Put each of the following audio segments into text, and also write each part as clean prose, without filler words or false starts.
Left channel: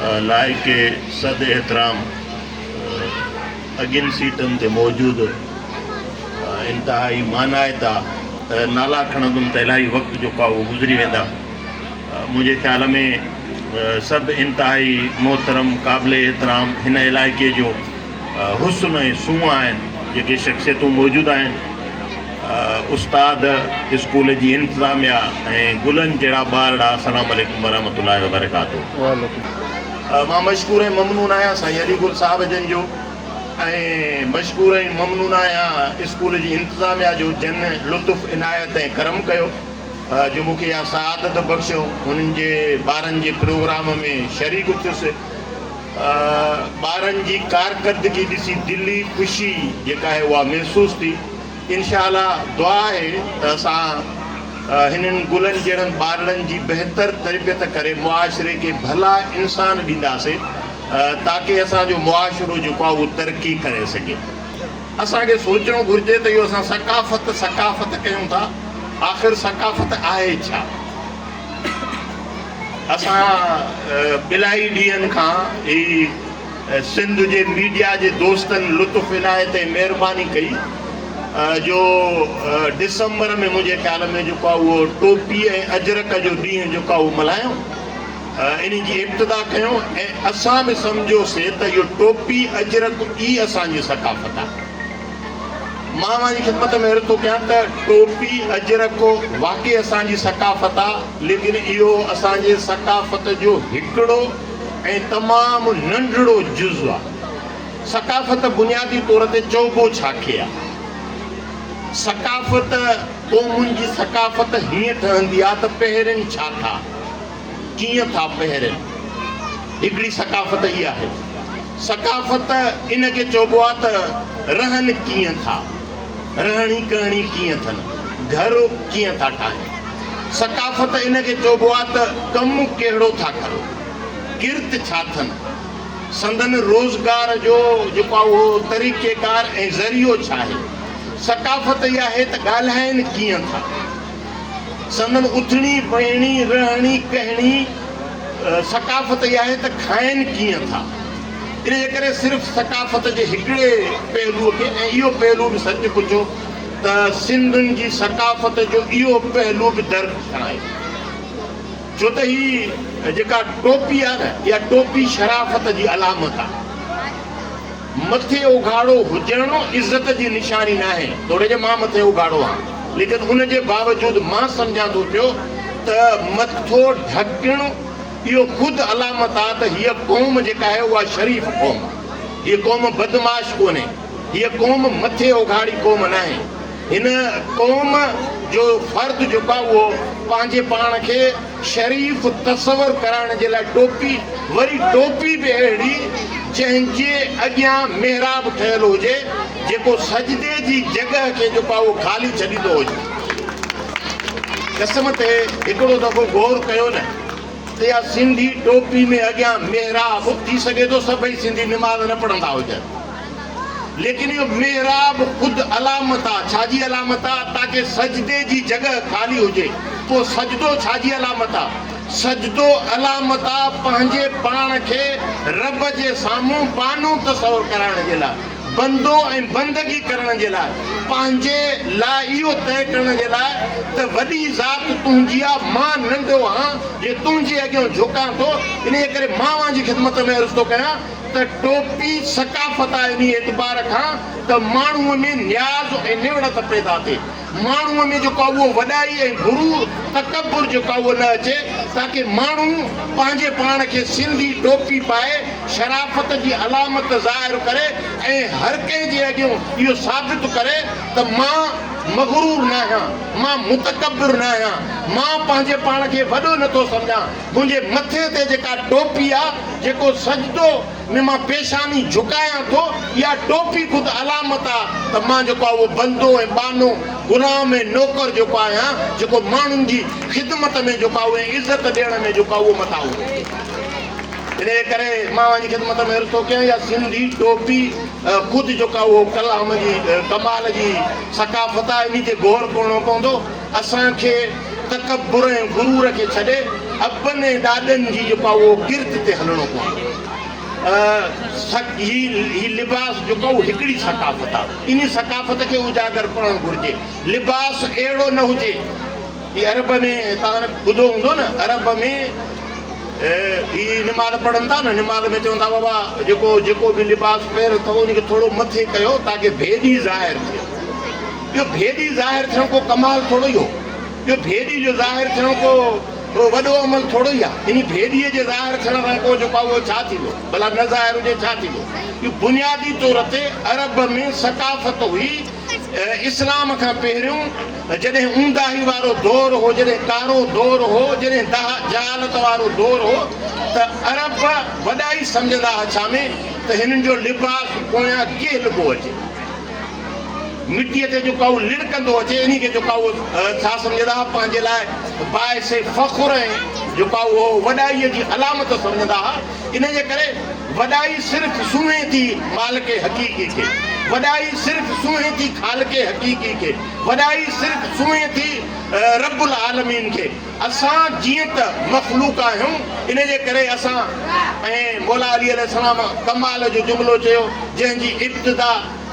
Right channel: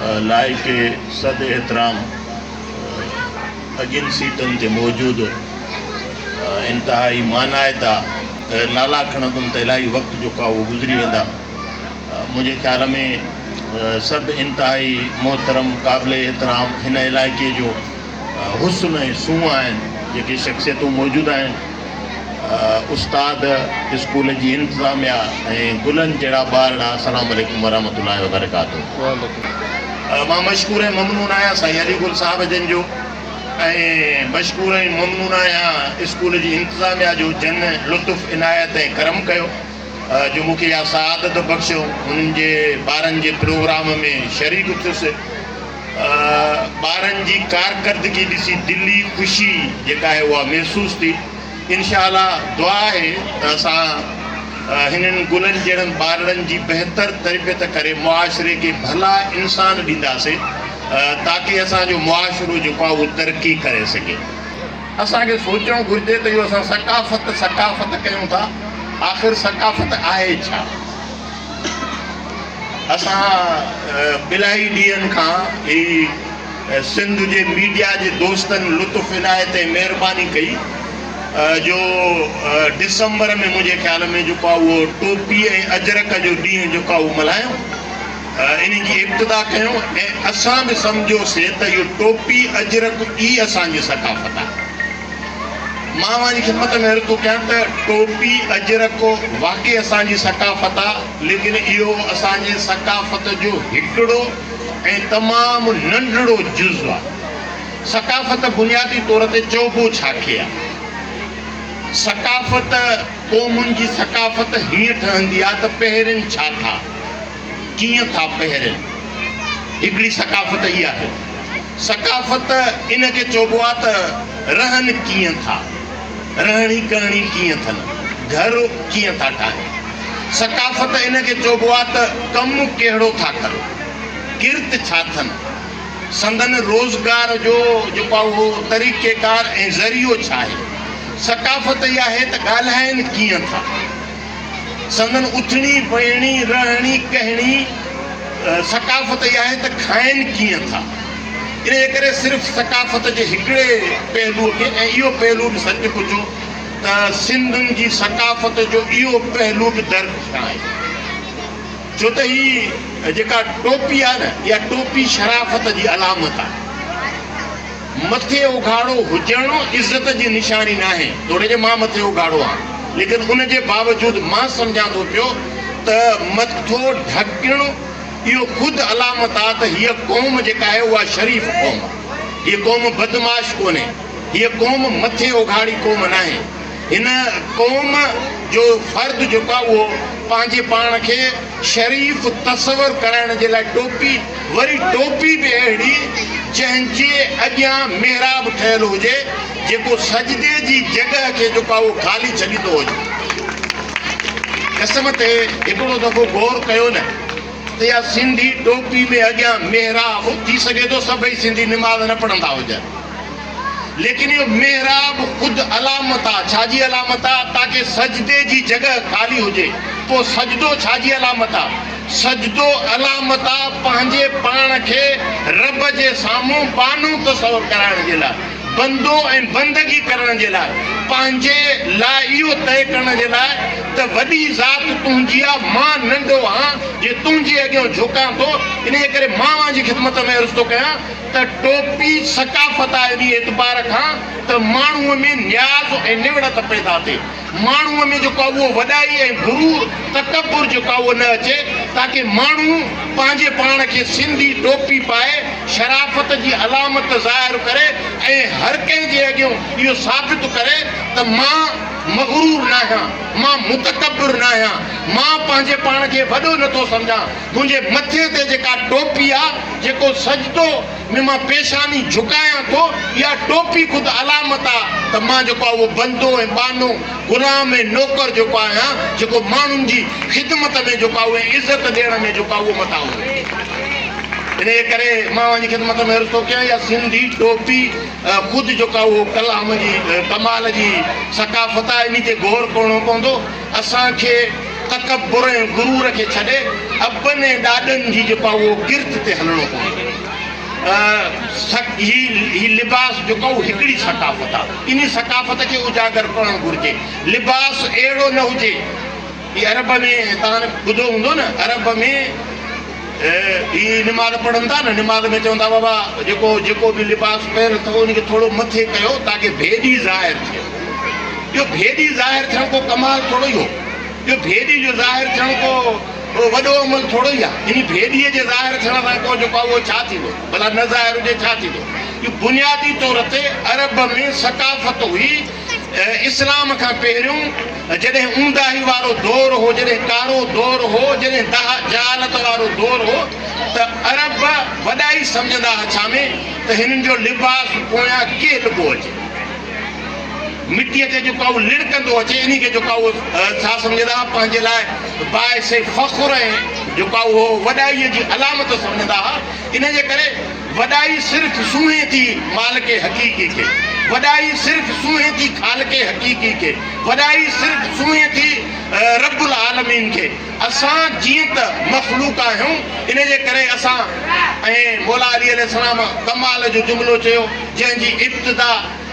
लाइक सद एहतराम अगिन सीटन ते मौजूद इंतहाई मानायता नाला खणंदुमि त इलाही वक़्तु जेको आहे उहो गुज़री वेंदा। मुंहिंजे ख़्याल में सभु इंतहाई मोहतरम क़ाबिल एहतराम हिन इलाइक़े जो हुस्न ऐं सूंहं आहिनि जेके शख़्सियतूं मौजूदु आहिनि। उस्ताद स्कूल जी इंतिज़ामिया ऐं गुलनि जहिड़ा ॿार अस्सलामु अलैकुम वरहमतुल्लाहि वबरकातुहू। मां मशकूर ऐं ममनून आहियां साईं अलीगुल साहिब जन जो ऐं मशकूर ऐं ममनून आहियां स्कूल जी इंतिज़ामिया जो जन लुत्फ़ इनायत ऐं करम कयो जो मूंखे इहा सआदत बख़्शियो हुननि जे ॿारनि जे प्रोग्राम में शरीक थियुसि। ॿारनि जी कारकर्दगी ॾिसी दिली ख़ुशी जेका आहे उहा महसूसु थी। इंशाअल्लाह दुआ आहे त असां हिननि गुलनि जहिड़नि ॿारनि जी बहितर तरबियत करे मुआशिरे खे भला इंसान ॾींदासीं ताकी असांजो मुआशिरो जेको आहे उहो तरक़ी करे सघे। असांखे सोचणु घुरिजे त इहो असां सकाफ़त कयूं था, आख़िर सकाफ़त आहे छा? असां इलाही ॾींहंनि खां ही सिंध जे मीडिया जे दोस्तनि लुत्फ़ इनायत ऐं महिरबानी कई जो डिसंबर में मुंहिंजे ख़्याल में जेको आहे उहो टोपी ऐं अजरक जो ॾींहुं जेको आहे उहो मल्हायूं, इन जी इब्तिदा कयूं ऐं असां बि सम्झोसीं त इहो टोपी अजरक ई असांजी सकाफ़त आहे। मां मुंहिंजी ख़िदमत में अर्ज़ु थो कयां त टोपी अजरक वाक़ई असांजी सकाफ़त आहे, लेकिन इहो असांजे सकाफ़त जो हिकिड़ो ऐं तमामु नंढड़ो जुज़ आहे। सकाफ़त बुनियादी तौर ते चइबो छा खे आहे? सकाफ़त क़ौमुनि जी सकाफ़त हीअं ठहंदी आहे त पहिरियों छा था, कीअं था पहिरियों, हिकिड़ी सकाफ़त इहा आहे। सकाफ़त इनखे चइबो आहे त रहनि कीअं था, रहणी करणी कीअं अथनि, घर कीअं था ठाहिनि। सकाफ़त इनखे चइबो आहे त कमु कहिड़ो था कनि, किर्त छा अथनि, संदन रोज़गार जो जेको आहे उहो तरीक़ेकार ऐं ज़रियो छा आहे। सकाफ़त इहा आहे त ॻाल्हाइनि कीअं था, संदन उथणी वेहणी रहणी कहणी। सकाफ़त इहा आहे त खाइनि कीअं था। इन जे करे सिर्फ़ु सकाफ़त जे हिकिड़े पहलूअ खे, ऐं इहो पहलू बि सच पुछो त सिंधुनि जी सकाफ़त जो इहो पहलू बि दरख़्वास्त आहे। छो त ही जेका टोपी आहे न, इहा टोपी शराफ़त जी अलामत आहे। मथे उघाड़ो हुजणो इज़त जी निशानी न आहे। तोड़े जे मां मथे उघाड़ो आहे, लेकिन उन जे बावजूदि मां सम्झां थो पियो त मथो ढकणो इहो ख़ुदि अलामत आहे त हीअ क़ौम जेका आहे उहा शरीफ़ क़ौम आहे। हीअ क़ौम बदमाश कोन्हे, हीअ क़ौम मथे उघाड़ी क़ौम न आहे। हिन क़ौम जो फ़र्द जेको आहे उहो पंहिंजे पाण खे शरीफ़ तसवर कराइण जे लाइ टोपी, वरी टोपी बि अहिड़ी जंहिंजे अॻियां मेहराब ठहियलु हुजे जेको सजदे जी जॻह खे जेको आहे उहो ख़ाली छॾींदो हुजे। क़स्म ते हिकिड़ो दफ़ो गौर कयो न त इहा सिंधी टोपी में अॻियां मेहराब थी सघे थो सभई सिंधी निमाज़ न पढ़ंदा हुजनि, लेकिन इहो मेहराब ख़ुदि अलामत आहे। छाजी अलामत आहे? ताकी सजदे जी जॻह ख़ाली हुजे। पोइ सजदो छाजी अलामत आहे? सजदो अलामत आहे पंहिंजे पाण खे रब जे साम्हूं बानो तसवर कराइण जे लाइ, बंदो ऐं बंदगी करण जे लाइ, पंहिंजे लाइ इहो तय करण जे लाइ त वॾी ज़ात तुंहिंजी आहे, मां नंढो आहियां, जे तुंहिंजे अॻियां झुकां थो। इन जे करे मां जी ख़िदमत में अर्ज़ु थो कयां त टोपी सकाफ़त आहे इन एतबार खां त माण्हूअ में न्याज़ ऐं निवड़त पैदा थिए, माण्हूअ में जेको आहे उहो वॾाई ऐं गुरूर तकबुर जेको आहे उहो न अचे, ताकी माण्हू पंहिंजे पाण खे सिंधी टोपी पाए शराफ़त जी अलामत ज़ाहिर करे ऐं हर कंहिंजे अॻियां इहो साबित करे त मां मग़रूर न आहियां, मां मुतकब्बिर न आहियां, मां पंहिंजे पाण खे वॾो नथो सम्झां। मुंहिंजे मथे ते जेका टोपी आहे, जेको सजदो में मां पेशानी झुकायां थो, इहा टोपी ख़ुदि अलामत आहे त मां जेको आहे उहो बंदो ऐं बानो, गुलाम ऐं नौकर जेको आहियां, जेको माण्हुनि जी ख़िदमत में जेको आहे उहे इज़त ॾियण में जेको आहे उहो मथां हुजे। इन जे करे मां वञी ख़िदमत में अर्ज़ु थो कयां इहा सिंधी टोपी ख़ुदि जेका उहो कलाम जी कमाल जी सकाफ़त आहे। इन ते गौर करणो पवंदो। असांखे तकबुर ऐं गुरूर खे छॾे अबनि ऐं ॾाॾनि जी जेको उहो किर्त ते हलणो पवंदो। ही लिबास जेको हिकिड़ी सकाफ़त आहे, इन सकाफ़त खे उजागर करणु घुरिजे। लिबास अहिड़ो न हुजे, ही अरब में तव्हां ॿुधो हूंदो न, अरब में ही निमाज़ पढ़नि था न, निमाज़ में चवंदा बाबा जेको बि लिबास पहिरियो अथव उनखे थोरो मथे कयो ताकी भेदी ज़ाहिर थिए। इहो भेदी ज़ाहिर थियण को कमाल थोरो ई हो, इहो भेदी जो ज़ाहिर थियण को वॾो अमल थोरो ई आहे। इन भेदीअ जे ज़ाहिर थियण सां को जेको आहे उहो छा थींदो, भला न ज़ाहिर हुजे छा थींदो। इहो बुनियादी तौर ते अरब में सकाफ़त हुई इस्लाम खां पहिरियों, जॾहिं ऊंदाही वारो दौर हो, जॾहिं कारो दौर हो, जॾहिं जहालत वारो दौर हो, त अरब वॾा ई सम्झंदा छा में त हिननि जो लिबास पोयां कीअं लिबो अचे, मिटीअ ते जेको आहे लिड़कंदो अचे, इन खे जेको आहे उहो छा सम्झंदा पंहिंजे लाइ बाइसे फ़ख़्र ऐं जेको आहे उहो वॾाईअ जी अलामत सम्झंदा हुआ। इन जे करे वॾाई सिर्फ़ु सुम्हे थी मालिक हक़ीक़ी खे, वॾाई सिर्फ़ु सुम्हे थी ख़ालिक हक़ीक़ी खे, वॾाई सिर्फ़ु सुम्हे थी रब्बुल आलमीन खे। असां जीअं त मख़लूक आहियूं, इन जे करे असां ऐं मौला अली अलैहिस्सलाम कमाल जो जुमिलो चयो, जंहिंजी इब्तिदा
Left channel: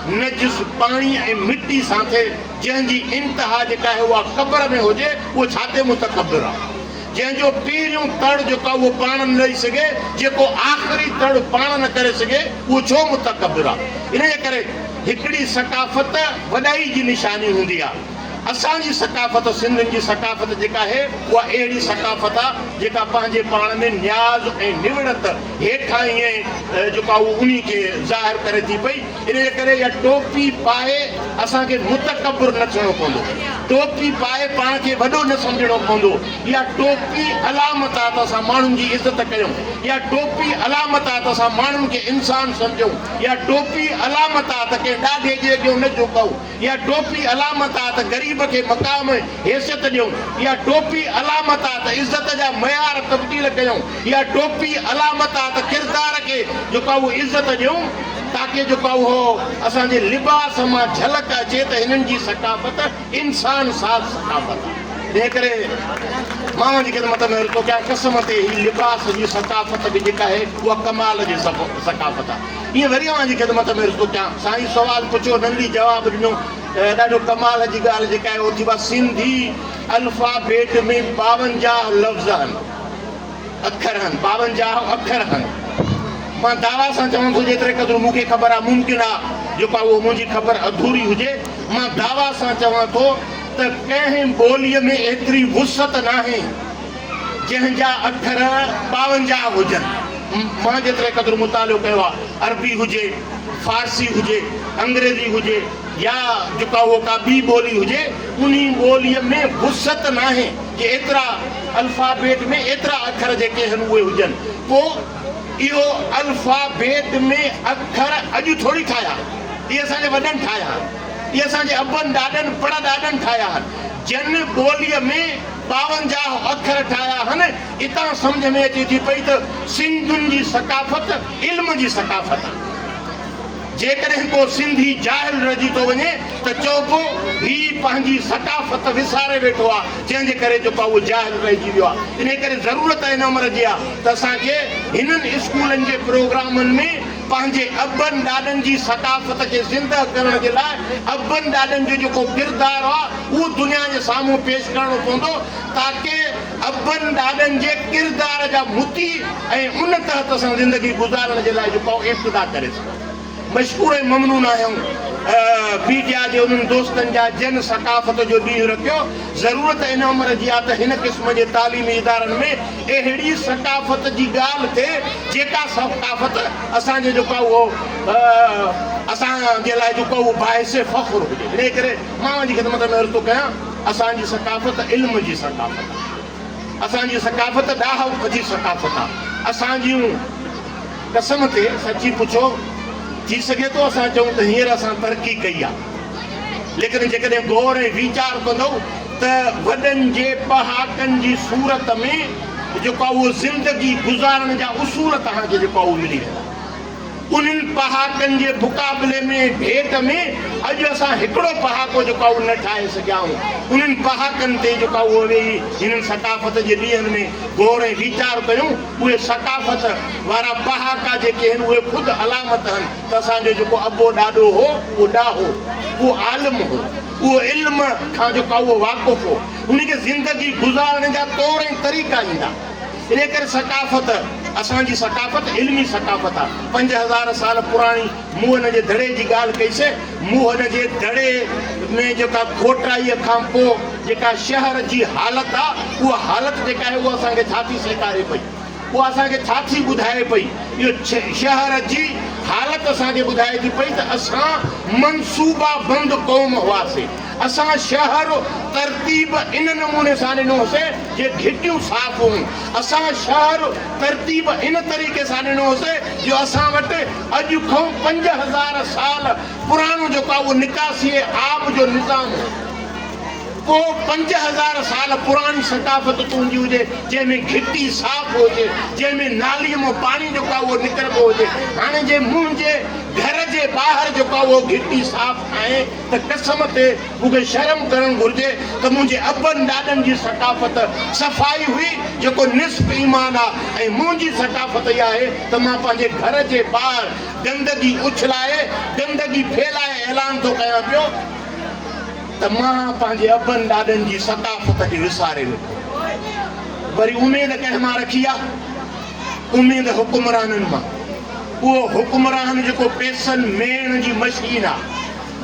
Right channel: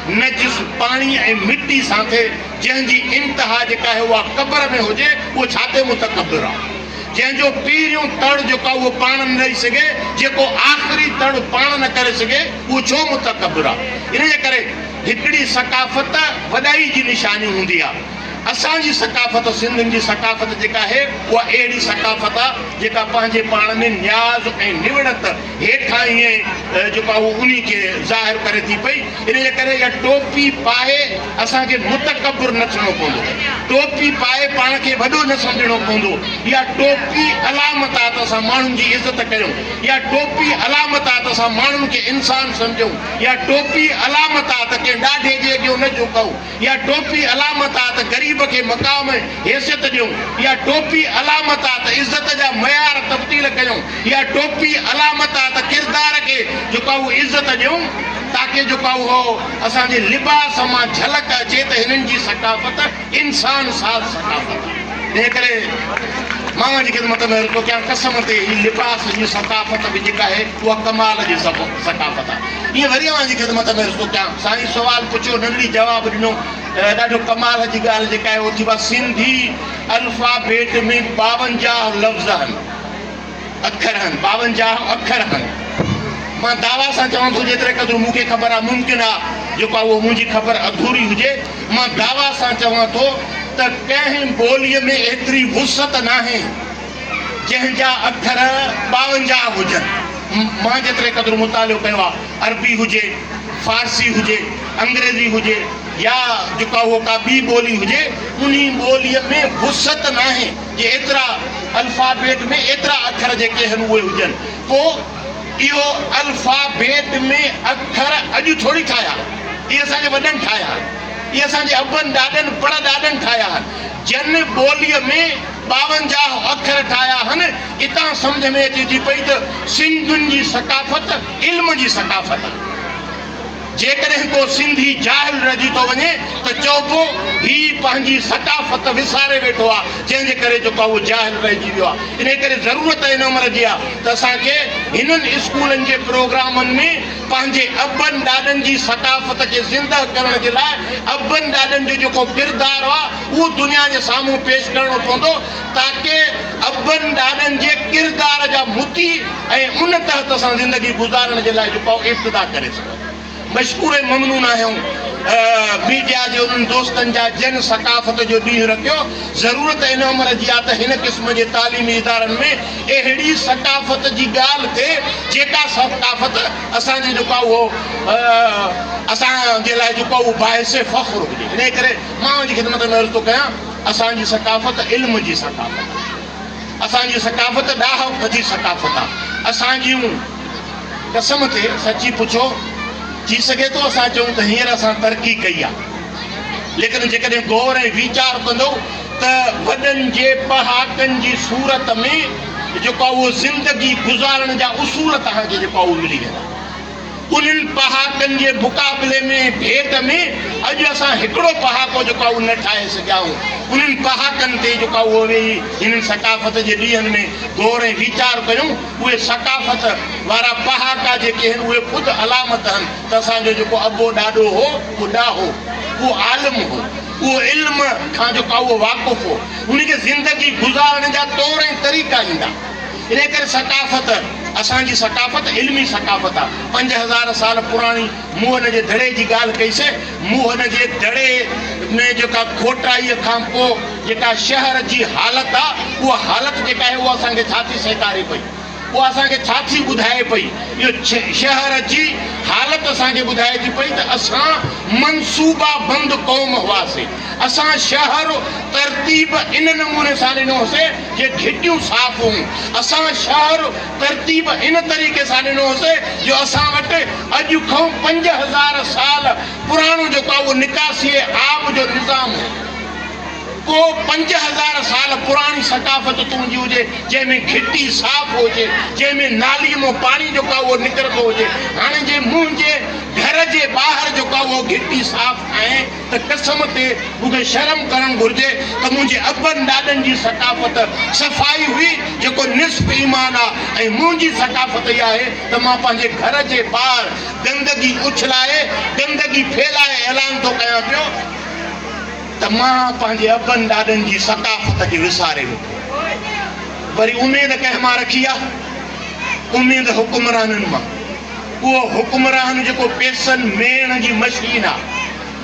नजिस पाणी ऐं मिटी सां थिए, जंहिंजी इंतिहा जेका आहे उहा क़ब्र में हुजे, उहो छा ते मुतकब्बिर आहे। जंहिंजो पहिरियों तड़ जेको आहे उहो पाण न ॾेई सघे, जेको आख़िरी तड़ पाण न करे सघे, उहो छो मुतकब्बिर आहे। इन जे करे हिकिड़ी सकाफ़त वॾाई जी निशानी हूंदी आहे। असांजी सकाफ़त, सिंधियुनि जी सकाफ़त जेका आहे उहा अहिड़ी सकाफ़त आहे जेका पंहिंजे पाण में न्याज़ ऐं निवड़त हेठां ईअं जेको आहे उन खे ज़ाहिर करे थी पई। इन जे करे इहा टोपी पाए असांखे मुतकब्बिर न थियणो पवंदो, टोपी पाए पाण खे वॾो न सम्झणो पवंदो। इहा टोपी अलामत आहे त असां माण्हुनि जी इज़त कयूं, इहा टोपी अलामत आहे त असां माण्हुनि खे इंसान सम्झूं, इहा टोपी अलामत आहे त कंहिं ॾाढे जे अॻियां न झुकूं, इहा टोपी अलामत आहे त ग़रीब खे मक़ाम हैसियत ॾियूं, इहा टोपी अलामत आहे त इज़त जा मयार तब्दील कयूं, इहा टोपी अलामत आहे त किरदार खे जेको आहे उहो इज़त ॾियूं, ताकी जेको आहे उहो असांजे लिबास मां झलक अचे त हिननि जी सकाफ़त इंसान साज़ सकाफ़त आहे। इन करे मां जी ख़िदमत में रुको कयां, कसम ते ही लिबास जी सकाफ़त बि जेका आहे उहा कमाल जी सकाफ़त आहे। ईअं वरी मां जी ख़िदमत में रुको कयां, साईं सुवाल पुछियो, नंढड़ी जवाबु ॾिनो, ॾाढो कमाल जी ॻाल्हि जेका आहे उहो थी आहे सिंधी अल्फाबेट में 52 लफ़्ज़ आहिनि, अखर आहिनि, 52 अखर आहिनि। मां दावा सां चवां थो, जेतिरे क़दुरु मूंखे ख़बर आहे, मुमकिन आहे जेको आहे उहो मुंहिंजी ख़बर अधूरी हुजे, मां दावा सां चवां थो त कंहिं ॿोलीअ में एतिरी वुसत न आहे जंहिंजा अखर 52 हुजनि। मां जेतिरे क़दुरु मुतालियो कयो आहे, अरबी हुजे, फारसी हुजे, अंग्रेज़ी हुजे या जेका उहो का ॿी ॿोली हुजे, उन ॿोलीअ में वुसत न आहे जे एतिरा अल्फाबेट में एतिरा अखर जेके आहिनि उहे हुजनि। पोइ इहो अल्फाबेट में अखर अॼु थोरी ठाहिया, इहे असांजे वॾनि ठाहिया, इहे असांजे अबनि ॾाॾनि पड़दाॾनि ठाहिया आहिनि। जन ॿोलीअ में 52 अखर ठाहिया आहिनि। इतां सम्झ में अचे थी पई त सिंधियुनि जी सकाफ़त इल्म जी सकाफ़त आहे। जेकॾहिं को सिंधी जाहिल रहिजी थो वञे त चइबो ही पंहिंजी सकाफ़त विसारे वेठो आहे, जंहिंजे करे जेको आहे उहो जाहिल रहिजी वियो आहे। इन करे ज़रूरत हिन उमिरि जी आहे त असांखे हिननि स्कूलनि जे प्रोग्रामनि में पंहिंजे अबनि ॾाॾनि जी सकाफ़त खे ज़िंदा करण जे लाइ अबनि ॾाॾनि जो जेको किरदारु आहे उहो दुनिया जे साम्हूं पेश करणो पवंदो, ताकी अबनि ॾाॾनि जे किरदार जा मुती ऐं उन तहत असां ज़िंदगी गुज़ारण जे लाइ जेको आहे इब्तिदा करे सघूं। मशहूर ऐं ममनून आहियूं मीडिया जे उन्हनि दोस्तनि जा जन सकाफ़त जो ॾींहुं रखियो। ज़रूरत हिन उमिरि जी आहे त हिन क़िस्म जे तालीमी इदारनि में अहिड़ी सकाफ़त जी ॻाल्हि थिए जेका सकाफ़त असांजे जेको आहे उहो असांजे लाइ जेको आहे उहो बाइसे फ़ख़्र हुजे। इन करे मां जी ख़िदमत में अर्ज़ु थो कयां, असांजी सकाफ़त इल्म जी सकाफ़त, असांजी सकाफ़त ॾाह जी सकाफ़त आहे। असांजियूं कसम ते सची पुछो, थी सघे थो असां चऊं त हींअर असां तरक़ी कई आहे, लेकिन जेकॾहिं गौर ऐं वीचार कंदो त वॾनि जे पहाकनि जी सूरत में जेको आहे उहो ज़िंदगी गुज़ारण जा उसूल तव्हांखे जेको आहे उहो मिली वेंदा। उन्हनि पहाकनि जे मुक़ाबले में भेट में अॼु असां हिकिड़ो पहाको जेको आहे उहो न ठाहे सघियाऊं। उन्हनि पहाकनि ते जेका उहो वेही हिननि सकाफ़त जे ॾींहंनि में गौर ऐं वीचार कयूं। उहे सकाफ़त वारा पहाका जेके आहिनि उहे ख़ुदि अलामत आहिनि त असांजो जेको अबो ॾाॾो हो उहो ॾाहो, उहो आलिम हो, उहो इल्म खां जेका उहो वाक़ुफ़ हो, उनखे ज़िंदगी गुज़ारण जा तौर ऐं तरीक़ा ईंदा। इन करे सकाफ़त असांजी सकाफ़त इल्मी सकाफ़त आहे। 5000 साल पुराणी मूं हिन जे दड़े जी ॻाल्हि कईसीं। मूं हिन जे दड़े में जेका खोटाईअ खां पोइ जेका शहर जी हालत आहे, उहा हालत जेका आहे उहा असांखे छा थी सेखारे पई, उहा असांखे छा थी ॿुधाए पई। इहो शहर जी हालत असांखे ॿुधाए थी पई त असां मनसूबा बंदि क़ौम हुआसीं। असां शहर तरतीब इन नमूने सां ॾिनोसीं जे घिटियूं साफ़ हुयूं। असां शहर तरतीब इन तरीक़े सां ॾिनोसीं जो असां वटि अॼु खां 5000 साल पुराणो जेको आहे उहो निकासी आब जो निज़ाम हो। पोइ 5000 साल पुराणी सकाफ़त तुंहिंजी हुजे जंहिंमें घिटी साफ़ हुजे, जंहिंमें नालीअ मां पाणी जेको आहे उहो निकिरंदो हुजे। हाणे जे मुंहिंजे घर जे ॿाहिरि जेको आहे उहो घिटी साफ़ आहे त कसम ते मूंखे शर्म करणु घुरिजे त मुंहिंजे अबनि ॾाॾनि जी सकाफ़त सफ़ाई हुई जेको निस्फ़ ईमान आहे। ऐं मुंहिंजी सकाफ़त इहा आहे त मां पंहिंजे घर जे ॿाहिरि गंदगी उछलाए, गंदगी फैलाए ऐलान थो कयां पियो त मां पंहिंजे अबनि ॾाॾनि जी सकाफ़त खे विसारे वेठो। वरी उमेद कंहिं मां रखी आहे? उमेद हुकुमराननि मां। उहो हुकुमरान जेको पैसनि मेण जी मशीन आहे,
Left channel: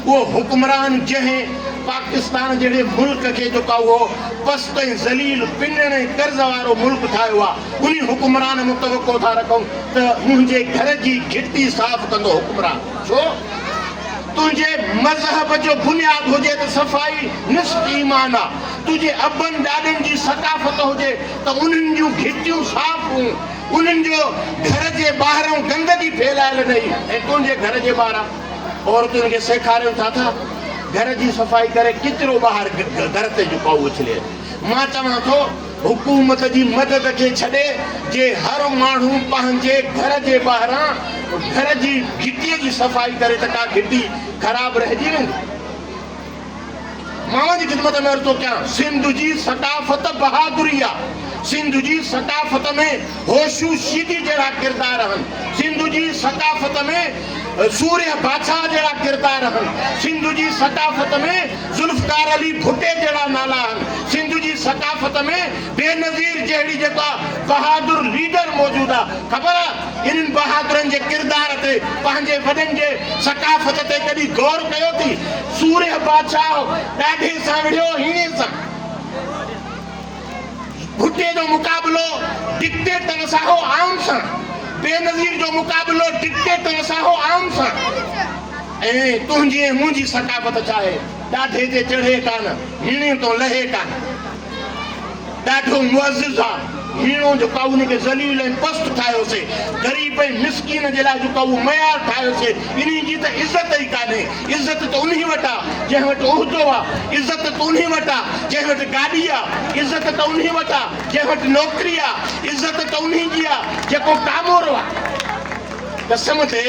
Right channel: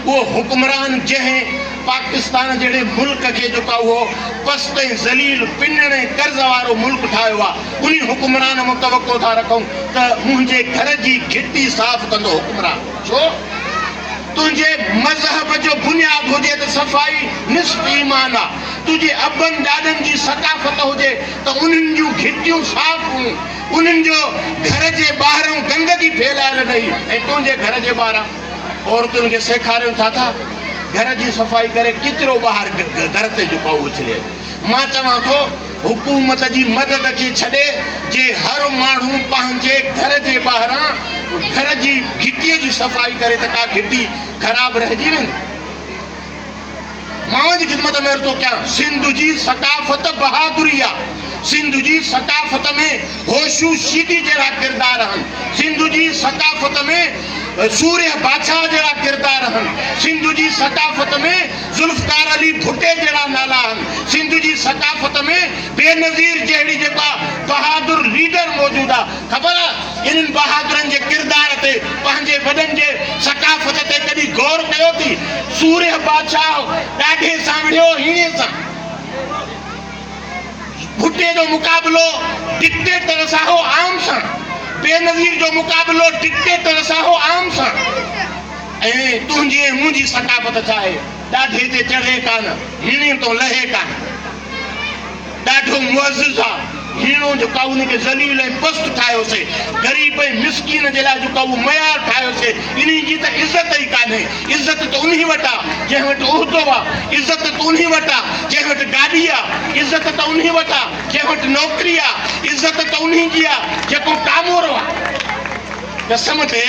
उहो हुकुमरान जंहिं पाकिस्तान जहिड़े मुल्क खे जेको आहे उहो पस्त ऐं ज़लील पिनण ऐं कर्ज़ वारो मुल्क ठाहियो आहे, उन हुकुमरान मूं तवको था रखूं त मुंहिंजे घर जी घिटी साफ़ कंदो हुकुमरान। छो? तुंहिंजे मज़हब जो बुनियाद हुजे त सफ़ाई निस्फ़ ईमान आहे। तुंहिंजे अबनि ॾाॾनि जी सकाफ़त हुजे त उन्हनि जूं घिटियूं साफ़ हुयूं, उन्हनि जो घर जे ॿाहिरां गंदगी फैलायल रही। ऐं तुंहिंजे घर जे ॿाहिरां औरतुनि खे सेखारियूं था घर जी सफ़ाई करे किचिरो ॿाहिरि घर ते जेको उछले। मां चवां थो हुकूमत जी मदद खे छॾे जे हर माण्हू पंहिंजे घर जे ॿाहिरां घर जी घिटीअ जी सफ़ाई करे त का घिटी ख़राब रहिजी वेंदी। मां जी ख़िदमत में अर्ज़ु थो कयां, सिंध जी सकाफ़त बहादुरी आहे। सिंध जी सकाफ़त में होशू शीदी जहिड़ा किरदार आहिनि। सिंध जी सकाफ़त में सूर्य बादशाह जहिड़ा किरदार आहिनि। सिंध जी सकाफ़त में ज़ुल्फ़कार अली भुट्टे जहिड़ा नाला आहिनि। सिंध जी सकाफ़त में बेनज़ीर जहिड़ी जेका बहादुर लीडर मौजूदु आहे। ख़बर आहे इन्हनि बहादुरनि जे किरदार ते पंहिंजे वॾनि जे सकाफ़त ते कॾहिं गौर कयो थी? सूर्य बादशाह ॾाढे सां विढ़ियो हीणे सां। भुट्टे जो मुक़ाबिलो डिक्टेटर सां हो आम सां। बेनज़ीर जो मुक़ाबिलो डिक्टेटर सां हो आम सां। ऐं तुंहिंजी ऐं मुंहिंजी सकाफ़त छा आहे? ॾाढे ते चढ़े कान, हीणे तो लहे कान। ॾाढो मुअज़्ज़िज़ आहे। हीणो जेको आहे उनखे ज़लील ऐं पस्त ठाहियोसीं। ग़रीब ऐं मिस्कीन जे लाइ जेको आहे उहो मयार ठाहियोसीं। इन जी त इज़त ई कान्हे। इज़त त उन वटि आहे जंहिं वटि उहिदो आहे। इज़त त उन वटि आहे जंहिं वटि गाॾी आहे। इज़त त उन वटि आहे जंहिं वटि नौकिरी आहे। इज़त त उन जी आहे जेको कामोरो आहे। कसम ते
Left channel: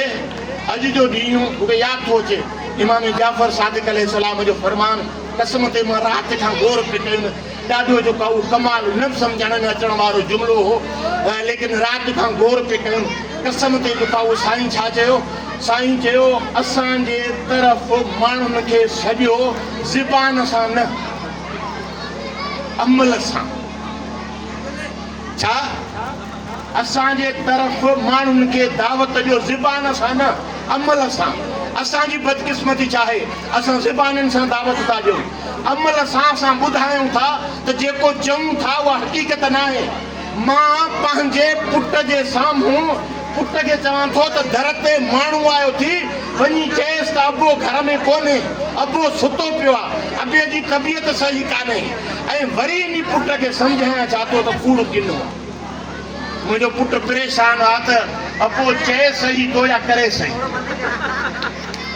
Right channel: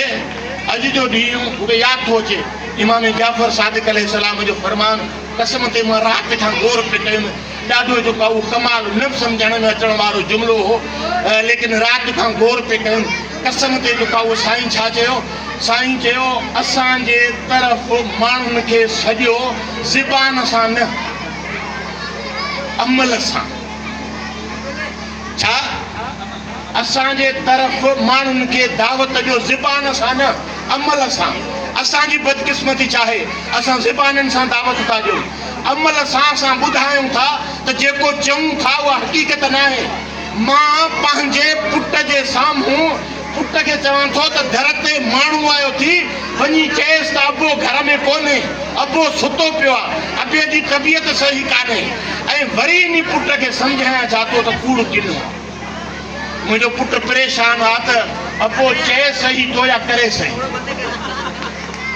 अॼु जो ॾींहुं मूंखे यादि थो अचे इमाम जाफ़र सादिक़ अलैहिस्सलाम जो फरमान। कसम ते मां राति खां गौर पे कयुमि। ॾाढो जेको आहे उहो कमाल न सम्झण में अचण वारो जुमिलो हो, लेकिन राति खां गौर पे कयुमि। कसम ते जेको आहे उहो साईं छा चयो? साईं चयो असांजे तरफ़ माण्हुनि खे सॼो ज़बान सां न, अमल सां। छा? असांजे तरफ़ माण्हुनि खे दावत ॾियो ज़बान सां न, अमल सां। असांजी बदकिस्मती छा आहे? असां ज़बाननि सां दावत था ॾियूं, अमल सां असां ॿुधायूं था त जेको चऊं था उहा हक़ीक़त न आहे। मां पंहिंजे पुट जे साम्हूं पुट खे चवां थो त दर ते माण्हू आयो थी, वञी चएसि त अबो घर में कोन्हे, अबो सुतो पियो आहे, अबे जी तबियत सही कान्हे। ऐं वरी इन पुट खे सम्झाइण चाहतो त कूड़ किनो आहे। मुंहिंजो पुटु परेशान आहे त अबो चए सही थो या करे सही।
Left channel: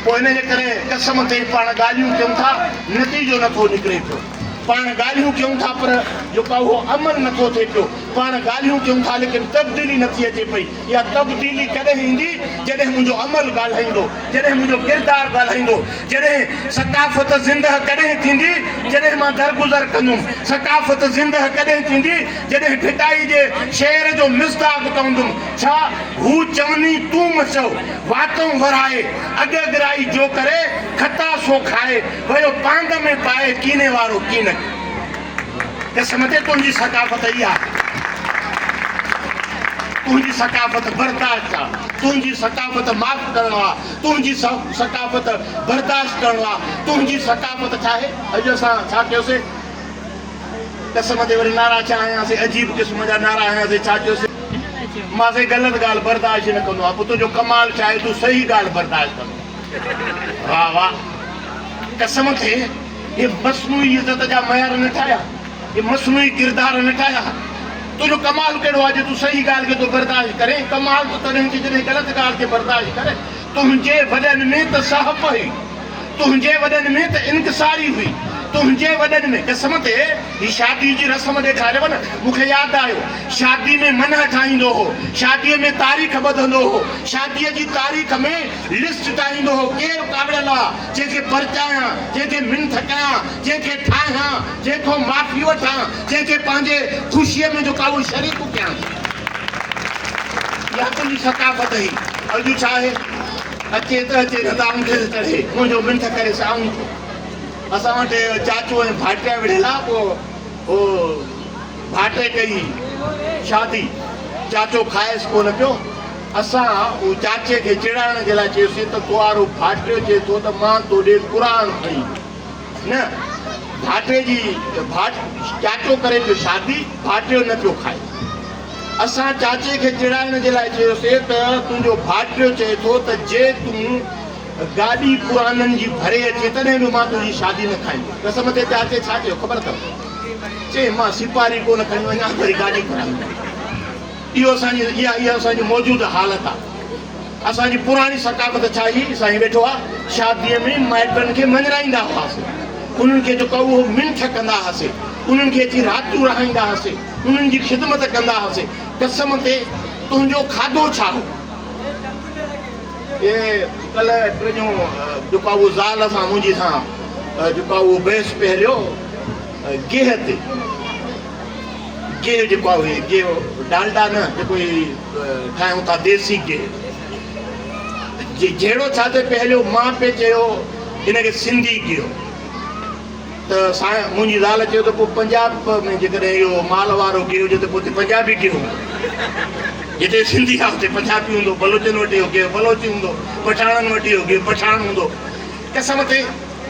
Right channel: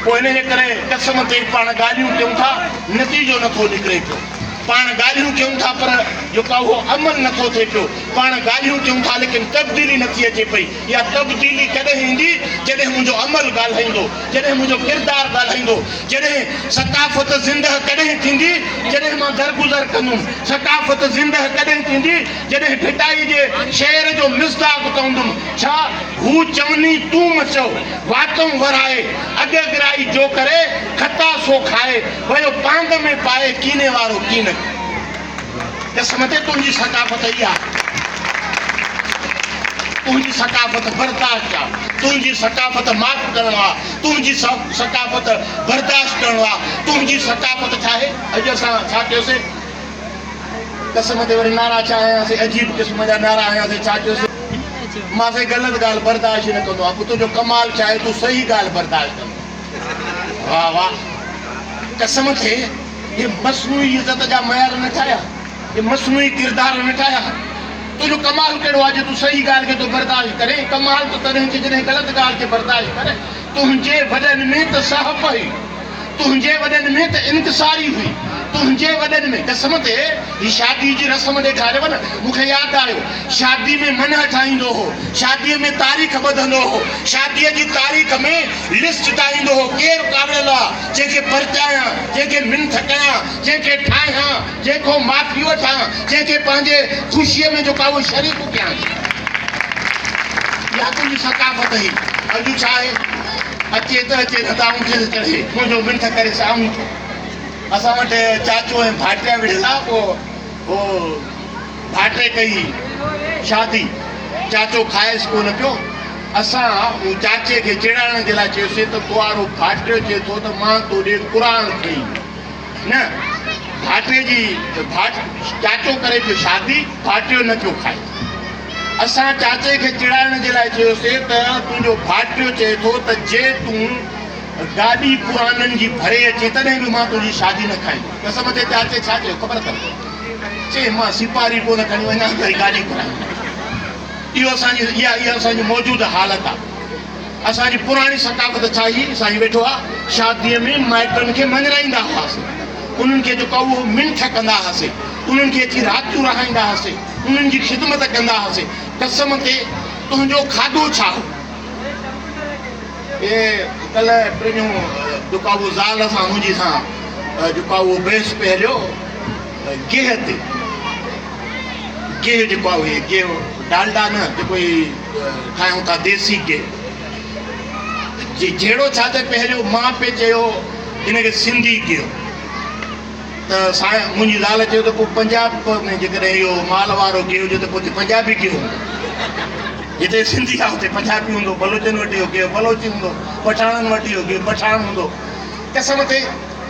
पोइ इन जे करे कसम ते पाण ॻाल्हियूं कयूं था, नतीजो नथो निकिरे पियो। पाण ॻाल्हियूं कयूं था पर जेको उहो अमल नथो थिए पियो। पाण ॻाल्हियूं कयूं था लेकिन तब्दीली नथी अचे पई। इहा तब्दीली कॾहिं ईंदी जॾहिं मुंहिंजो अमल ॻाल्हाईंदो, जॾहिं मुंहिंजो किरदारु ॻाल्हाईंदो, जॾहिं सकाफ़त ज़िंदह कॾहिं थींदी जॾहिं मां दरगुज़र कंदुमि। सकाफ़त ज़िंदह कॾहिं थींदी जॾहिं ढिटाई जे शेर जो मिसदाक तवंदुमि। छा हू चवनी तूं मचो वातों वराए, अॻिराई जो करे खता सो खाए, वयो पांग में पाए कीने वारो कीन। कसम ते तुंहिंजी सकाफ़त इहा, तुंहिंजी सकाफ़त बर्दाश्त आहे, तुंहिंजी सकाफ़त माफ़ करणु आहे, तुंहिंजी सकाफ़त बर्दाश्त करणु आहे, तुंहिंजी सकाफ़त छा आहे। अॼु असां छा कयोसीं, कसम ते वरी नारा छा आयासीं, अजीब क़िस्म जा नारा आयासीं। छा चयोसीं, मां से ग़लति ॻाल्हि बर्दाश्त न कंदो आहियां। तुंहिंजो कमाल छा आहे, तूं सही ॻाल्हि बर्दाश्त कंदो। वाह वाह, कसम ते ये मस्नूई इज़त जा मयार न ठाहिया, ये मस्नूई किरदार न ठाहिया। तुंहिंजो कमाल कहिड़ो आहे जो तूं सही ॻाल्हि खे तो बर्दाश्त करे। कमाल त तॾहिं थी जॾहिं ग़लति ॻाल्हि खे बर्दाश्त करे। तुंहिंजे वॾनि में त साहब हुई, तुंहिंजे वॾनि में त इंकिसारी हुई, तुंहिंजे वॾनि में। कसम ते ही शादी जी रस्म ॾेखारियव न, मूंखे यादि आयो शादी में मन ठाहींदो हो, शादीअ में तारीख़ ॿधंदो हो, शादीअ जी तारीख़ में लिस्ट ठाहींदो हो, केरु काविड़ियल आहे, जंहिंखे परचायां, जंहिंखे मिंथ कयां, जंहिंखे ठाहियां, जंहिंखो माफ़ी वठां, जंहिंखे पंहिंजे ख़ुशीअ में जेका उहो शरीक कयां। इहा तुंहिंजी सकाफ़त हुई। अॼु छा आहे, अचे त अचे न त आऊं खे चढ़े, मुंहिंजो मिंथ करे साऊं। असां वटि चाचो ऐं भाटिया विढ़ियल आहे। पोइ हो भाटे कई शादी, चाचो खाएसि कोन पियो। असां उहो चाचे खे चिड़ाइण जे लाइ चयोसीं त तुआरो भाटियो चए थो त मां तोॾे क़ुरान खई न। भाटे जी चाचो करे पियो शादी, भाटियो न पियो खाए। असां चाचे खे चिड़ाइण जे लाइ चयोसीं त तुंहिंजो भाटियो चए थो त जे तूं गाॾी क़ुराननि जी भरे अचे तॾहिं बि मां तुंहिंजी शादी न खाईंदुमि। कसम ते चाचे छा चयो ख़बर अथव, चए मां सिपारी कोन खणी वञा वरी गाॾी घुराईंदुमि। इहो इहा असांजी मौजूदु हालत आहे। असांजी पुराणी सकाफ़त छा हुई, असांजी वेठो आहे शादीअ में माइटनि खे मञराईंदा हुआसीं, उन्हनि खे जेको उहो मिंथ कंदा हुआसीं, उन्हनि खे अची रातियूं रहाईंदा हुआसीं, उन्हनि जी ख़िदमत कंदा हुआसीं। कसम ते तुंहिंजो खाधो छा हो। कल्ह टियों जेका उहो ज़ाल सां मुंहिंजी सां जेका उहो बेस पहिरियो गेह ते, गेह जेको आहे गेह डालडा न, जेको ठाहियूं था देसी गेह, जहिड़ो छा त पहिरियों मां पे चयो हिनखे सिंधी गेह। त मुंहिंजी ज़ाल चयो त पोइ पंजाब में जेकॾहिं इहो माल वारो गेह हुजे त पोइ पंजाबी गेह हूंदो। जिते सिंधी आहे हुते पंजाबी हूंदो, बलोचनि वटि इहो गेह बलोची हूंदो, पठाणनि वटि इहो गेह पठाण हूंदो। कसम ते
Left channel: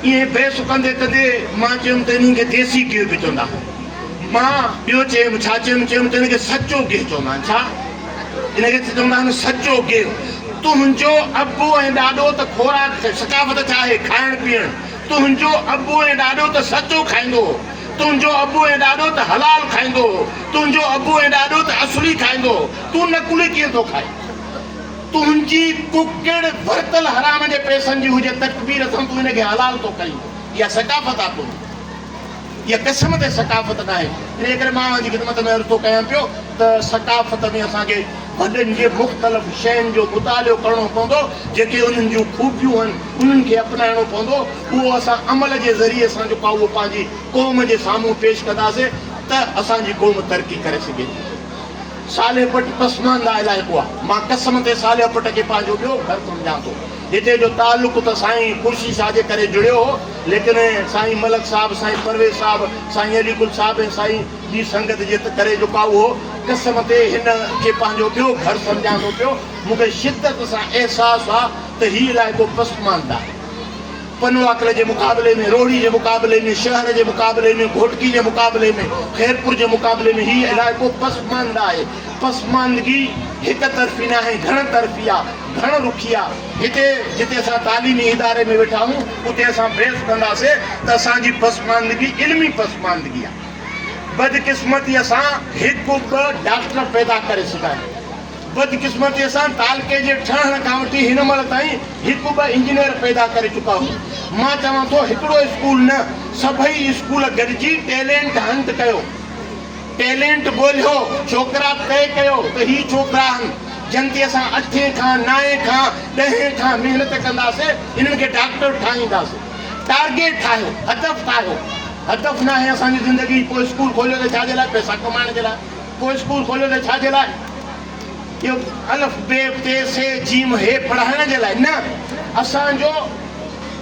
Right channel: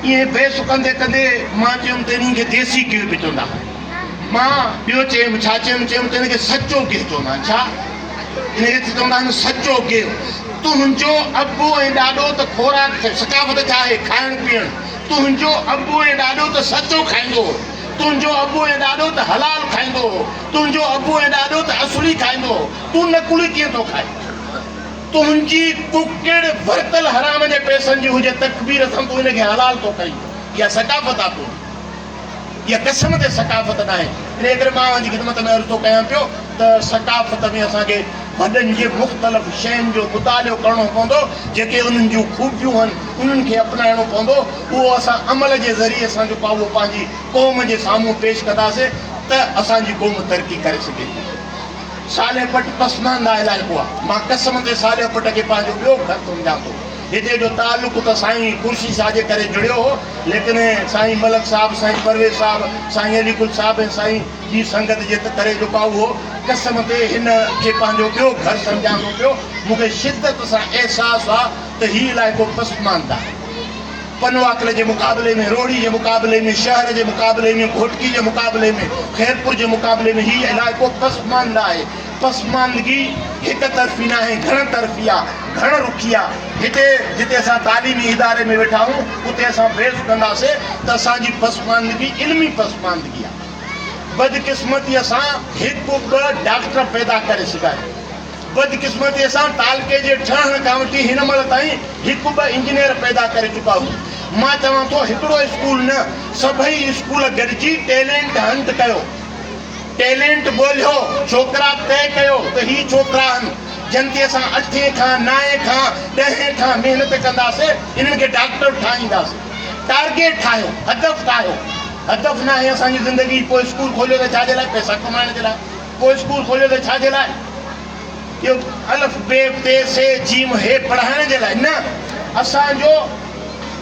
ईअं बेस कंदे कंदे मां चयुमि त इन्हनि खे देसी गेह बि चवंदा। मां ॿियो चयुमि, छा चयुमि त हिनखे सचो गेह चवंदा आहिनि। छा हिनखे चवंदा आहिनि सचो गेह। तुंहिंजो अबू ऐं ॾाॾो त खोराक सकाफ़त छा आहे, खाइण पीअण। तुंहिंजो अबू ऐं ॾाॾो त सचो खाईंदो, तुंहिंजो अबू ऐं ॾाॾो त हलाल खाईंदो, तुंहिंजो अबू ऐं ॾाॾो त असली खाईंदो। तूं नकुली कीअं थो खाए। तुंहिंजी कुकड़ वरतल हराम जे पैसनि जी हुजे तकबीर सां तूं हिनखे हलाल थो कई। इहा सकाफ़त आहे तुंहिंजी, इहा कसम ते सकाफ़त न आहे। इन करे मां जी ख़िदमत में अर्ज़ु थो कयां पियो त सकाफ़त में असांखे वॾनि जे मुख़्तलिफ़ शयुनि जो मुतालियो करणो पवंदो, जेके उन्हनि जूं ख़ूबियूं आहिनि उन्हनि खे अपनाइणो पवंदो। उहो असां अमल जे ज़रिए सां जेको आहे उहो पंहिंजी क़ौम जे साम्हूं पेश कंदासीं त असांजी क़ौम तरक़ी करे सघे थी। साले पट पसमानदा इलाइक़ो आहे। मां कसम ते साले पट खे पंहिंजो ॿियो घर सम्झां थो। हिते जो तालुक़ त साईं खुर्शी शाह जे करे जुड़ियो हो, लेकिन साईं मलक साहिबु, साईं परवेज़ साहिबु, साईं अलीकुल साहिबु ऐं साईं ॿी संगत जे करे जेका उहो कसम ते हिन खे पंहिंजो ॿियो घर सम्झां थो पियो। मूंखे शिदत सां अहसासु आहे त हीउ इलाइक़ो पसमानदा आहे। पनवाकल जे मुक़ाबले में, रोड़ी जे मुक़ाबले में, शहर जे मुक़ाबले में, घोटकी जे मुक़ाबले में, खैरपुर जे मुक़ाबले में हीउ इलाइक़ो पसमानदा आहे। पसमानदगी हिक तरफ़ी न आहे, घण तरफ़ी आहे, घण रुखी आहे। हिते जिते असां तालीमी इदारे में वेठा आहियूं उते असां बहस कंदासीं त असांजी पसमानदगी इल्मी पसमानदगी आहे। बदकिस्मतीअ सां हिकु ॿ डॉक्टर पैदा करे सघायूं, बदकिस्मतीअ सां तालके जे ठहण खां वठी हिन महिल ताईं हिकु ॿ इंजीनियर पैदा करे चुका आहियूं। मां चवां थो हिकिड़ो स्कूल न, सभई स्कूल गॾिजी टैलेंट हंट कयो। टैलेंट ॻोल्हियो, छोकिरा तय कयो त ही छोकिरा आहिनि जिन खे असां 8 खां 9 खां 10 खां महिनत कंदासीं, इन्हनि खे डॉक्टर ठाहींदासीं। टारगेट ठाहियो, हदफ़ ठाहियो। हदफ़ न आहे असांजी ज़िंदगी। पोइ स्कूल खोलियो त छाजे लाइ? पैसा कमाइण जे लाइ। पोइ स्कूल खोलियो त छाजे लाइ? इहो अलफ बे ते से जीम हे पढ़ाइण जे लाइ न। असांजो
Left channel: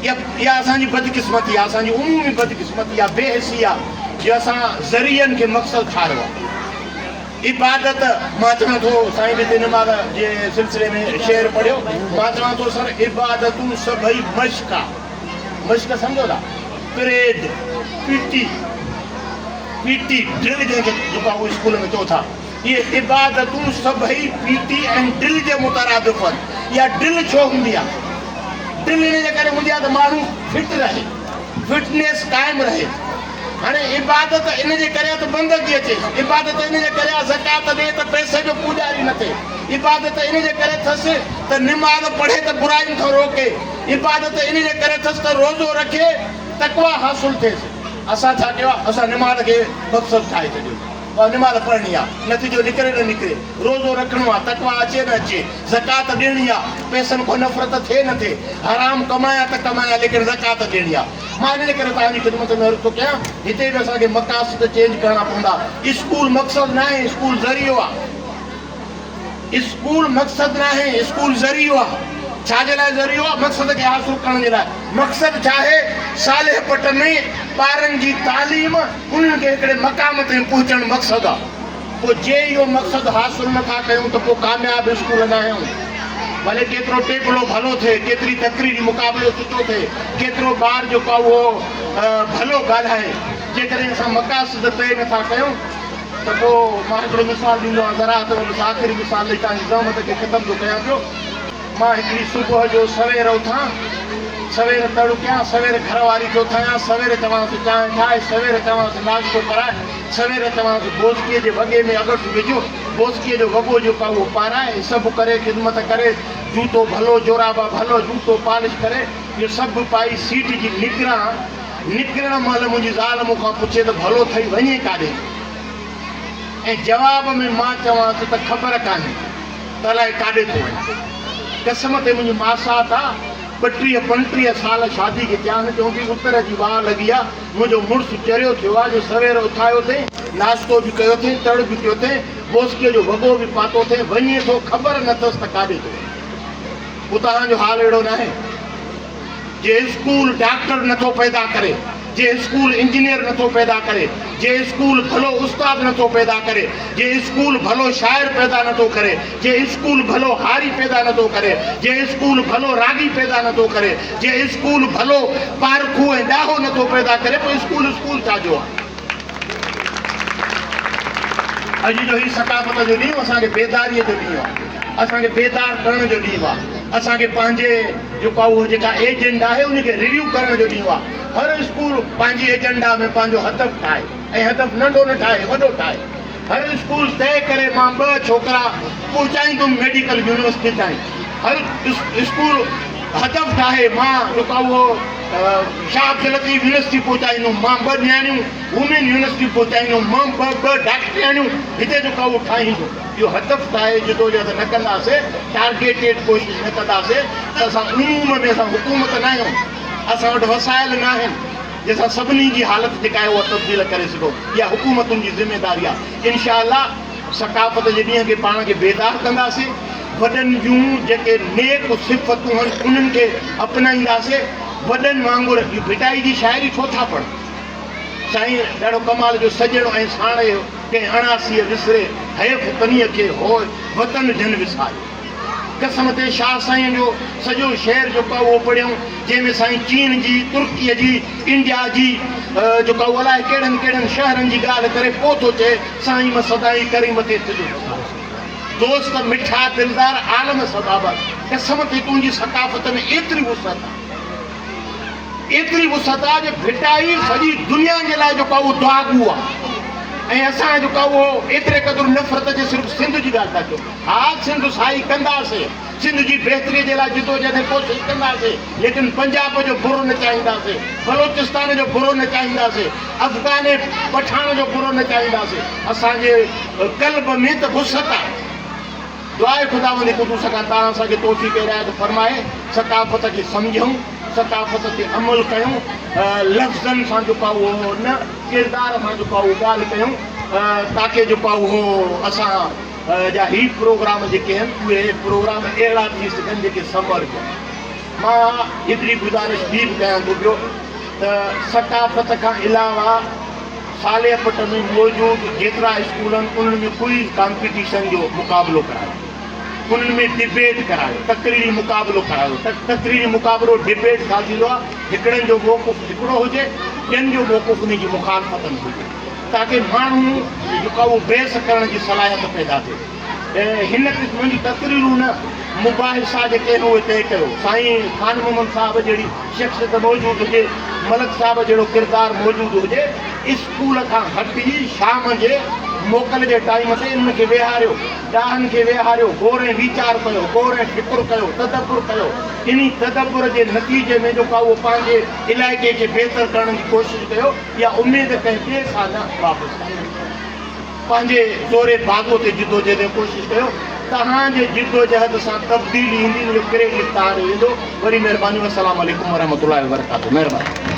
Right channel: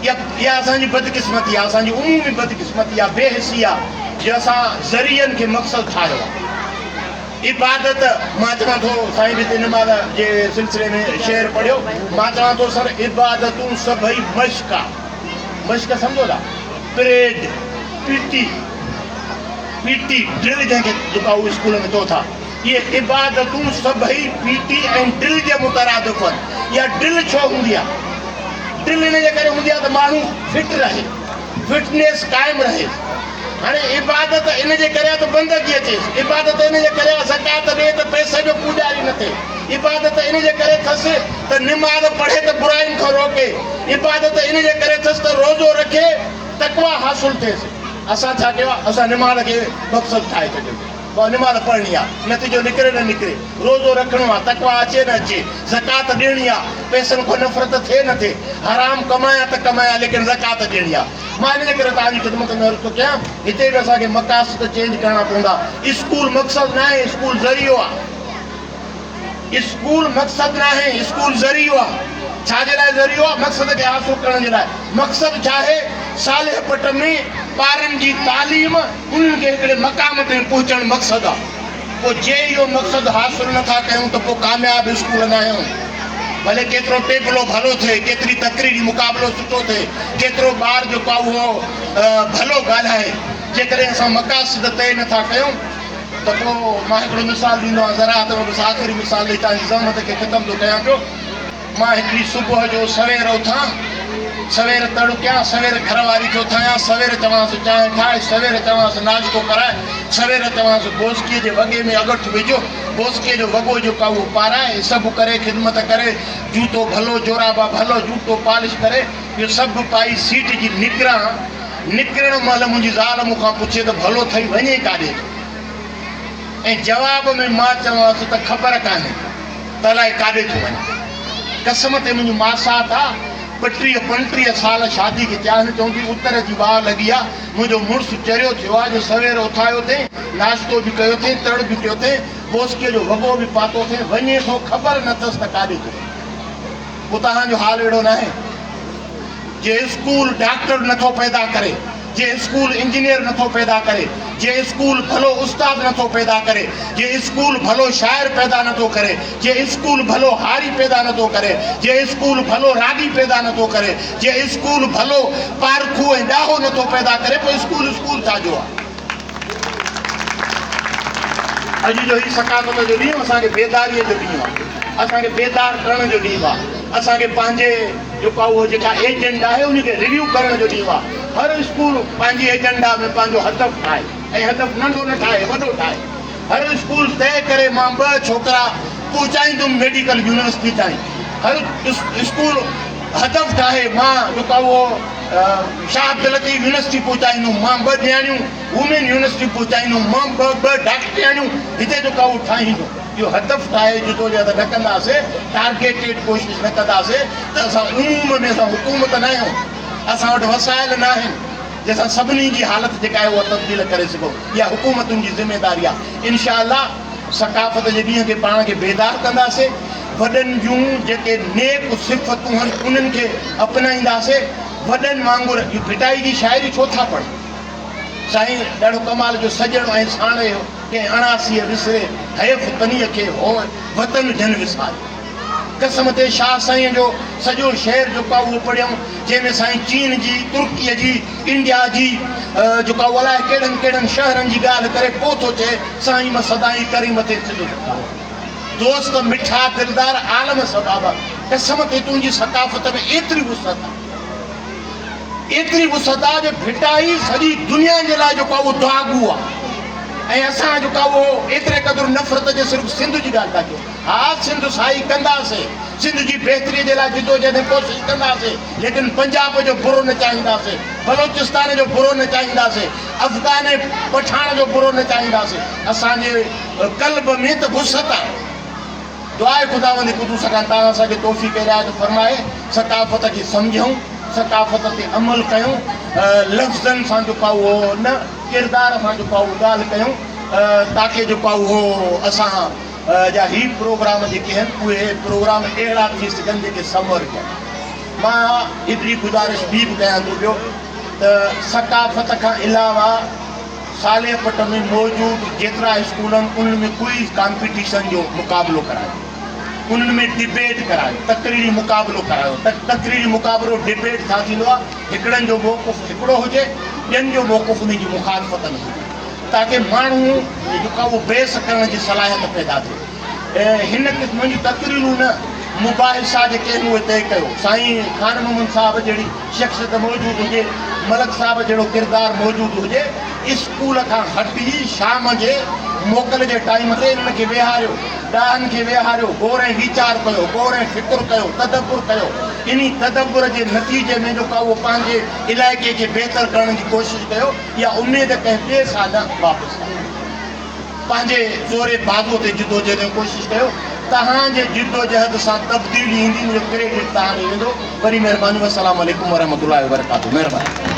या असांजी बदकिस्मती आहे, असांजी उमूमी बदकिस्मती आहे, बेहिसी आहे जो असां ज़रियनि खे मक़सदु ठाहियो आहे। इबादत मां चवां थो, साईं बि हिते नमाज़ जे सिलसिले में शेर पढ़ियो, मां चवां थो सर इबादतूं सभई मश्क आहे। मश्क सम्झो था? परेड, पीटी ड्रिल जंहिंखे जेका उहे स्कूल में चओ था, इहे इबादतूं सभई पीटी ऐं ड्रिल जे मुतरादिफ़ आहिनि। इहा ड्रिल छो हूंदी आहे? ड्रिल इन जे करे हूंदी आहे त माण्हू फिट रहे, फिटनेस क़ाइमु रहे। हाणे इबादत इन जे करे त बंदगी अचे, इबादत इन जे करे ज़कात ॾे त पैसे जो पूॼारी न थिए, इबादत इन जे करे अथसि त निमाज़ पढ़े त बुराइनि खां रोके, इबादत इन जे करे अथसि त रोज़ो रखे तक़वा हासिलु थिएसि। असां छा कयो आहे? असां निमाज़ खे मक़सदु ठाहे छॾियो। निमाज़ पढ़णी आहे, नतीजो निकिरे न निकिरे, रोज़ो रखणो आहे, तक़वा अचे न अचे, ज़कात ॾियणी आहे, पैसनि खां नफ़रत थिए न थिए, हराम कमाया त कमाया लेकिन ज़कात ॾियणी आहे। मां इन जे करे तव्हांजी ख़िदमत में अर्ज़ु थो कयां, हिते बि असांखे मक़ासिद चेंज करणा पवंदा। स्कूल मक़सदु न आहे, स्कूल ज़रियो आहे। स्कूल मक़सदु न आहे, स्कूल ज़रियो आहे। छाजे लाइ ज़रियो आहे? मक़सद खे हासिलु करण जे लाइ। मक़सदु छा आहे? साले पट में ॿारनि जी तालीम, उन्हनि खे हिकिड़े मक़ाम ते पहुचणु मक़सदु आहे। पोइ जे इहो मक़सदु हासिलु नथा कयूं त पोइ कामयाबु स्कूल न आहियूं। भले केतिरो टेबलो भलो थिए, केतिरी तकरीरी मुक़ाबिलो सुठो थिए, केतिरो ॿार जेको आहे उहो भलो ॻाल्हाए, जेकॾहिं असां मक़ासिद तय नथा कयूं त पोइ मां हिकिड़ो मिसाल ॾींदो आहियां। ज़राअत में बसि आख़िरी मिसाल ॾेई तव्हांजी ज़हमत खे ख़तमु थो कयां पियो। मां हिकिड़ी सुबुह जो सवेर उथां, सवेर तड़ु कयां, सवेर घर वारी खे उथायां, सवेर चवांसि चांहि ठाहे, सवेर चवांसि नाश्तो कराए, सवेर चवांसि बोसकीअ जे वॻे में अगठि विझो, बोसकीअ जो वॻो जेको आहे उहो पाराए, सभु करे ख़िदमत करे, जूतो भलो, जोराबा भलो, जूतो पॉलिश करे, इहो सभु पाई सीट जी निकिरण महिल मुंहिंजी ज़ाल मूंखां पुछे त भलो ठही वञे काॾे? ऐं जवाब में मां चवांसि त ख़बर कान्हे त अलाए काॾे थो वञे। कसम ते मुंहिंजी मासात आहे, 32-35 साल शादी खे थिया आहिनि, चवंदी उतर जी वाह लॻी आहे। मुंहिंजो मुड़ुसु चरियो थियो आहे जो सवेर उथायो अथई, नाश्तो बि कयो अथई, तड़ बि कयो अथई, बोसकीअ जो वॻो बि पातो अथई, वञे थो ख़बर न अथसि त काॾे थो। पोइ तव्हांजो हाल अहिड़ो न आहे। जे स्कूल डॉक्टर नथो पैदा करे, जे स्कूल इंजीनियर नथो पैदा करे, जे स्कूल भलो उस्ताद नथो पैदा करे, जे स्कूल भलो शाइर पैदा नथो करे, जे स्कूल भलो हारी पैदा नथो करे, जे स्कूल भलो रागी पैदा नथो करे, जे स्कूल भलो पारखू ऐं ॾाहो नथो पैदा करे, पोइ स्कूल छाजो आहे? अॼु जो ही सकाफ़त जो ॾींहुं असांखे बेदारीअ जो ॾींहुं आहे, असांखे बेदार करण जो ॾींहुं आहे, असांखे पंहिंजे जेका उहो जेका एजेंडा आहे उनखे रिव्यू करण जो ॾींहुं आहे। हर स्कूल पंहिंजी एजेंडा में पंहिंजो हदफ़ ठाहे, ऐं हदफ़ नंढो न ठाहे, वॾो ठाहे। हर स्कूल तय करे मां 2 छोकिरा पहुचाईंदुमि मेडिकल यूनिवर्सिटी ताईं। हर स्कूल हदफ़ ठाहे, मां जेका उहो शाह अब्दुल लतीफ़ यूनिवर्सिटी पहुचाईंदुमि, मां 2 ॼणियूं वुमेन यूनिवर्सिटी पहुचाईंदुमि, मां 2 डॉक्टरियाणियूं हिते जेका उहो ठाहींदो। इहो हदफ़ ठाहे जदोजहद न कंदासीं, टारगेटेड कोशिशि न कंदासीं त असां उमूम में असां हुकूमत न आहियूं, असां वटि वसाइल न आहिनि जंहिंसां सभिनी जी हालत जेका आहे उहा तब्दील करे सघो। इहा हुकूमतुनि जी ज़िमेदारी आहे। इनशाअल्लाह सकाफ़त जे ॾींहं खे पाण खे बेदार कंदासीं, वॾनि जूं जेके नेक सिफ़तूं आहिनि उन्हनि खे अपनाईंदासीं। वॾनि वांगुरु भिटाई जी शाइरी छो था पढ़नि? साईं ॾाढो कमाल जो सॼणो ऐं साणे कंहिं अणासीअ विसरे, हयफ पनीअ खे हो वतन जन विसारे। कसम ते शाह साईं जो सॼो शहर जेको आहे उहो पढ़ियऊं, जंहिंमें साईं चीन जी, तुर्कीअ जी, इंडिया जी जेका अलाए कहिड़नि कहिड़नि शहरनि जी ॻाल्हि करे पोइ थो चए साईं मां सदाई करी मथे सॼो दोस्त मिठा दिलदार आलम सदाबा। कसम ते तुंहिंजी सकाफ़त में एतिरी वुसअत आहे, एतिरी वुसअत आहे जो भिटाई सॼी दुनिया जे लाइ जेको आहे उहो दुआगू आहे। ऐं असां जेका उहो एतिरे क़दुरु नफ़रत जे सिर्फ़ु सिंध जी ॻाल्हि था कयूं। हा, सिंध साई कंदासीं, सिंध जी बहितरी जे लाइ जिदोजहद कोशिशि कंदासीं, लेकिन पंजाब जो बुरो न चाहींदासीं, बलोचिस्तान जो बुरो न चाहींदासीं, अफ़गान पठान जो बुरो न चाहींदासीं। असांजे क़ल्ब में त वुसअत आहे। दुआ आहे ख़ुदावंद क़ुदूस खां ताला असांखे तौफ़ीक़ हिदायत फरमाए, सकाफ़त खे सम्झूं, सकाफ़त ते अमल कयूं, लफ़्ज़नि सां जेका उहो न किरदार सां जेका उहो ॻाल्हि कयूं, ताकी जेका उहो असां जा ही प्रोग्राम जेके आहिनि उहे प्रोग्राम अहिड़ा थी सघनि जेके समर कनि। मां एतिरी गुज़ारिश बि कयां थो पियो त सकाफ़त खां अलावा सालियापट में मौजूदु जेतिरा स्कूल आहिनि उन्हनि में क्विज़ कॉम्पिटिशन जो मुक़ाबिलो करायो, उन्हनि में डिबेट करायो, तक़रीरी मुक़ाबिलो करायो। तक़रीरी मुक़ाबिलो डिबेट छा थींदो आहे, हिकिड़नि जो मौक़ुफ़ हिकिड़ो हुजे, ॿियनि जो मौक़ुफ़ उन जी मुखालफ़त में हुजे, ताकी माण्हू जेका उहो बहस करण जी सलाहियत पैदा थिए। हिन क़िस्म जी तक़रीरूं न मुबाहिसा जेके आहिनि उहे तइ कयो। साईं ख़ान मोहम्मद साहिब जहिड़ी शख़्सियत मौजूदु हुजे, मलक साहिब जहिड़ो किरदारु मौजूदु हुजे, स्कूल खां हटी शाम जे मोकल जे टाइम ते इन्हनि खे वेहारियो, ॾाहनि खे वेहारियो, गौरे वीचार कयो, गौरे फ़िक्र कयो, तदब्बुर कयो। इन तदब्बुर जे नतीजे में जेका उहो पंहिंजे इलाइक़े खे बहितर करण जी कोशिशि कयो, या उमेद कंहिं ॿिए सां न वापसि कयो, पंहिंजे ज़ोरे बाग़ो ते जिदोजहद जी कोशिशि कयो। तव्हांजे जिदोजहद सां तब्दीली ईंदी, इन जो क्रेडिट तव्हां ॾे वेंदो। वरी महिरबानी, अस्सलाम वालेकुम वरहमतुल्लाहि वबरकातुहू। महिरबानी।